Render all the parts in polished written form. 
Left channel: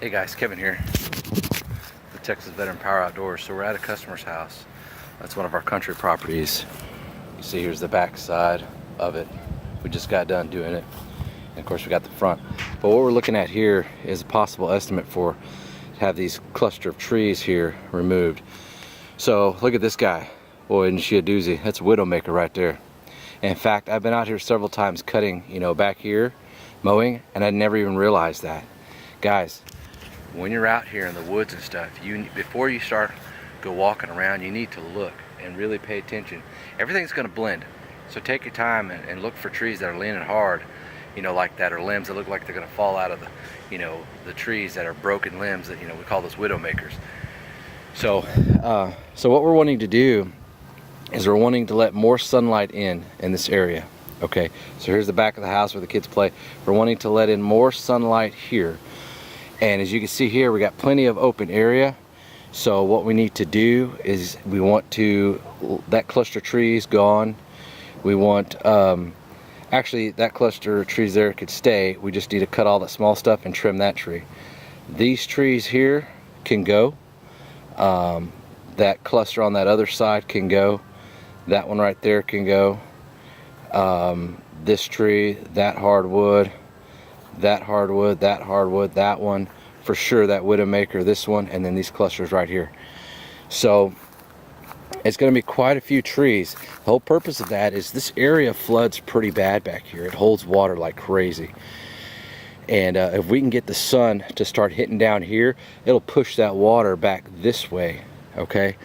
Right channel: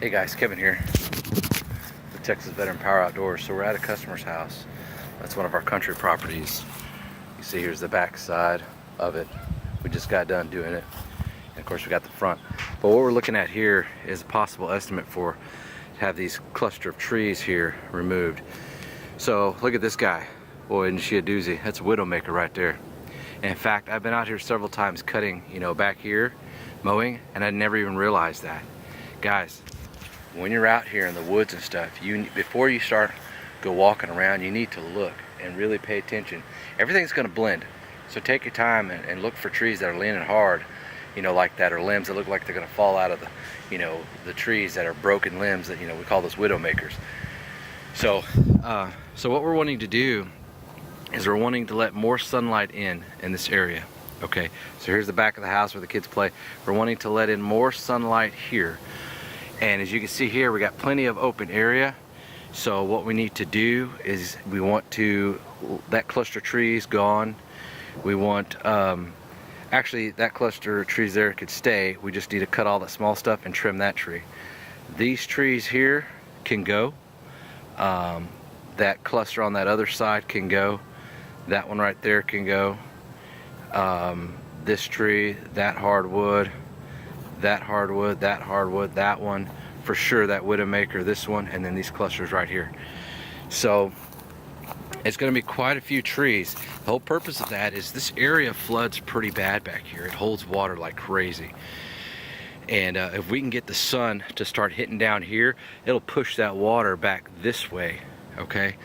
Hey guys, Kevin here, the Texas Veteran Power Outdoors. So we're at a customer's house. That's one of our country properties. You see here's the back side of it. We just got done doing it. And of course we got the front. But what we're looking at here is a possible estimate for have these cluster of trees here removed. So look at this guy. Boy, isn't she a doozy. That's a Widowmaker right there. And in fact, I've been out here several times cutting, back here, mowing, and I never even realized that. Guys, when you're out here in the woods and stuff, before you start go walking around, you need to look and really pay attention. Everything's going to blend, so take your time and look for trees that are leaning hard, like that, or limbs that look like they're going to fall out of the trees that are broken limbs that we call those Widowmakers. So what we're wanting to do is we're wanting to let more sunlight in this area. Okay, so here's the back of the house where the kids play. We're wanting to let in more sunlight here. And as you can see here, we got plenty of open area. So what we need to do is that cluster of trees gone. We want, actually that cluster of trees there could stay. We just need to cut all that small stuff and trim that tree. These trees here can go. That cluster on that other side can go. That one right there can go. This tree, that hardwood, that hardwood, that hardwood, that one for sure, that Widowmaker, this one, and then these clusters right here. So it's going to be quite a few trees. The whole purpose of that is this area floods pretty bad back here. It holds water like crazy, and if we can get the sun to start hitting down here, it'll push that water back this way. Okay,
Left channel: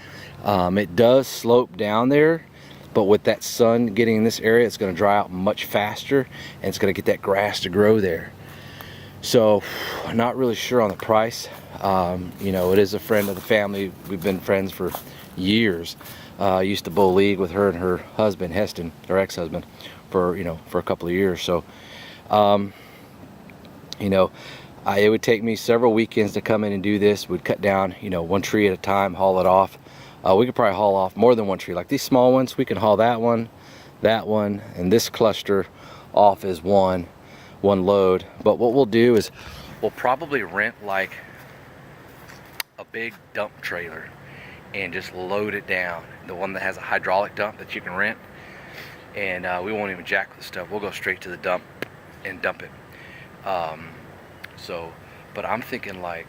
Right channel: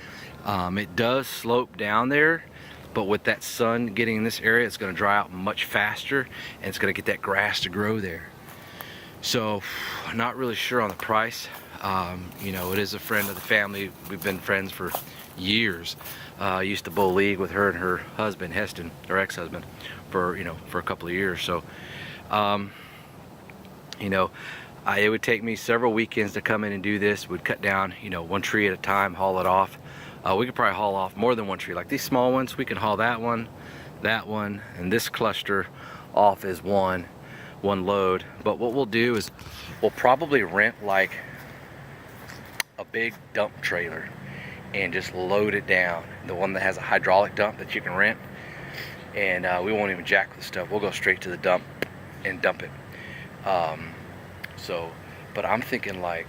it does slope down there, but with that sun getting in this area, it's going to dry out much faster, and it's going to get that grass to grow there. So, not really sure on the price. It is a friend of the family. We've been friends for years. Used to bowl league with her and her husband, Heston, her ex-husband, for a couple of years. So, it would take me several weekends to come in and do this. We'd cut down, one tree at a time, haul it off. We could probably haul off more than one tree. Like these small ones, we can haul that one, and this cluster off is one load. But what we'll do is we'll probably rent like a big dump trailer and just load it down. The one that has a hydraulic dump that you can rent. And we won't even jack the stuff. We'll go straight to the dump and dump it. But I'm thinking like,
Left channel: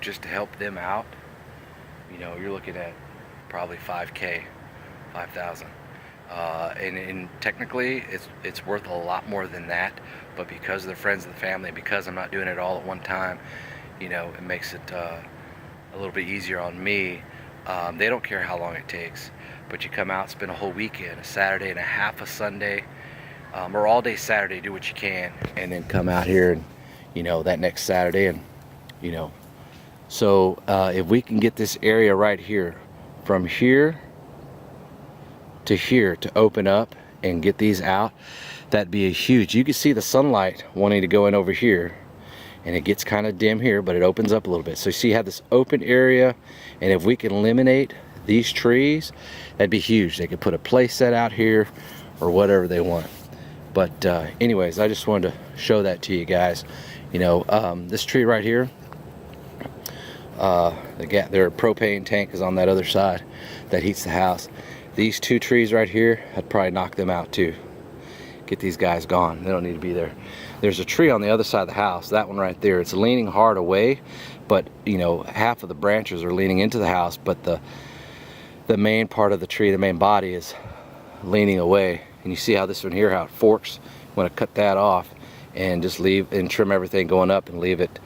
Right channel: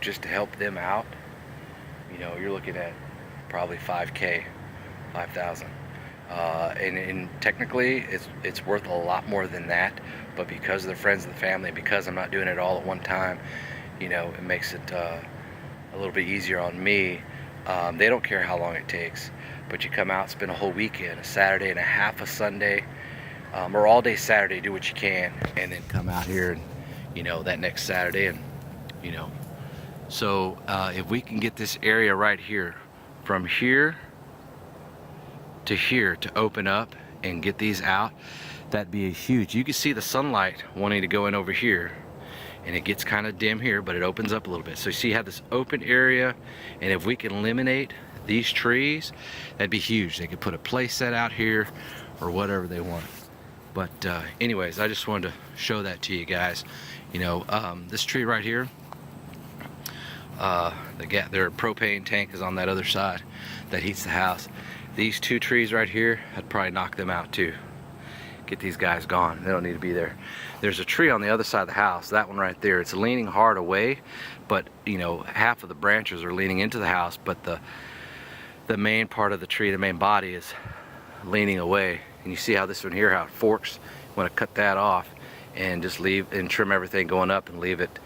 just to help them out, you're looking at probably 5K, 5,000. And technically it's worth a lot more than that, but because they're friends of the family and because I'm not doing it all at one time, it makes it a little bit easier on me. They don't care how long it takes, but you come out, spend a whole weekend, a Saturday and a half, a Sunday, or all day Saturday, do what you can, and then come out here and that next Saturday, and so if we can get this area right here, from here to open up and get these out, that'd be a huge. You can see the sunlight wanting to go in over here, and it gets kind of dim here, but it opens up a little bit. So you see how this open area, and if we can eliminate these trees, that'd be huge. They could put a play set out here or whatever they want. But anyways, I just wanted to show that to you guys. This tree right here, their propane tank is on that other side that heats the house. These two trees right here, I'd probably knock them out too. Get these guys gone. They don't need to be there. There's a tree on the other side of the house, that one right there. It's leaning hard away, but half of the branches are leaning into the house, but the main part of the tree, the main body, is leaning away. And you see how this one here, how it forks. I'm going to cut that off and just leave and trim everything going up and leave it,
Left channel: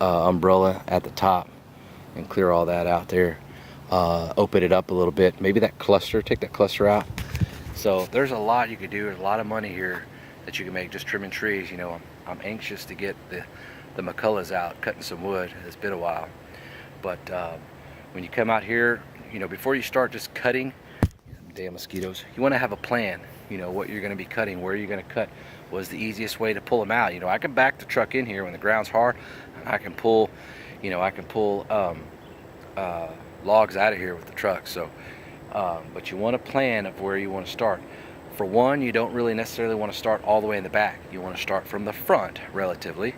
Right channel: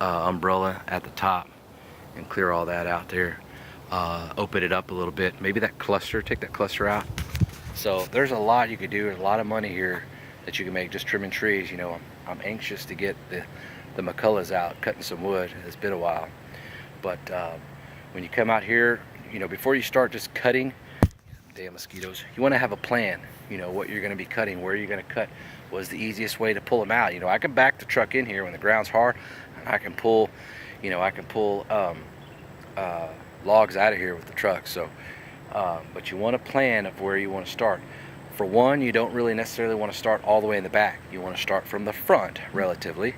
umbrella at the top, and clear all that out there. Open it up a little bit. Maybe that cluster, take that cluster out. So there's a lot you could do. There's a lot of money here that you can make just trimming trees. I'm anxious to get the McCulloughs out, cutting some wood. It's been a while. But when you come out here, before you start just cutting, damn mosquitoes, you want to have a plan, what you're going to be cutting, where you're going to cut, was the easiest way to pull them out. I can back the truck in here when the ground's hard. I can pull, logs out of here with the truck. So but you want a plan of where you want to start. For one, you don't really necessarily want to start all the way in the back. You want to start from the front relatively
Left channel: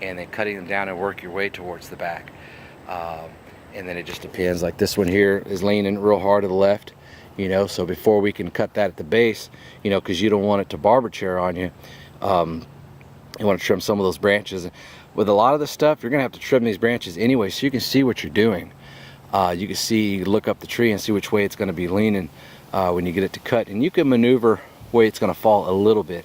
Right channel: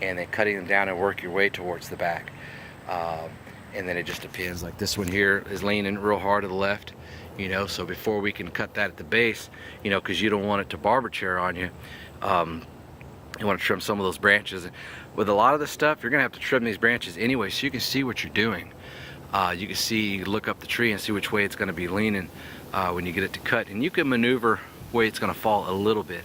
and then cutting them down and work your way towards the back. And then it just depends. Like this one here is leaning real hard to the left, you know, so before we can cut that at the base, you know, because you don't want it to barber chair on you, you want to trim some of those branches. With a lot of this stuff, you're gonna have to trim these branches anyway, so you can see what you're doing. You can see, look up the tree and see which way it's gonna be leaning when you get it to cut, and you can maneuver way it's gonna fall a little bit,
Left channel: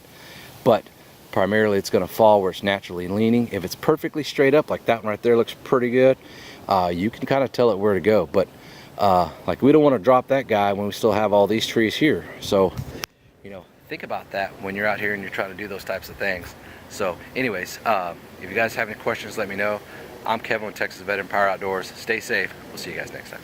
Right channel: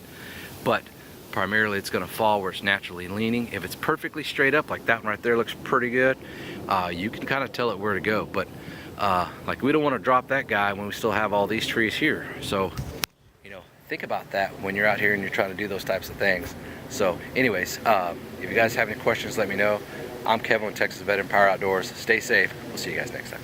but primarily it's gonna fall where it's naturally leaning. If it's perfectly straight up, like that one right there looks pretty good, you can kind of tell it where to go. But like, we don't want to drop that guy when we still have all these trees here. So, you know, think about that when you're out here and you're trying to do those types of things. So anyways, if you guys have any questions, let me know. I'm Kevin with Texas Veteran Power Outdoors. Stay safe. We'll see you guys next time.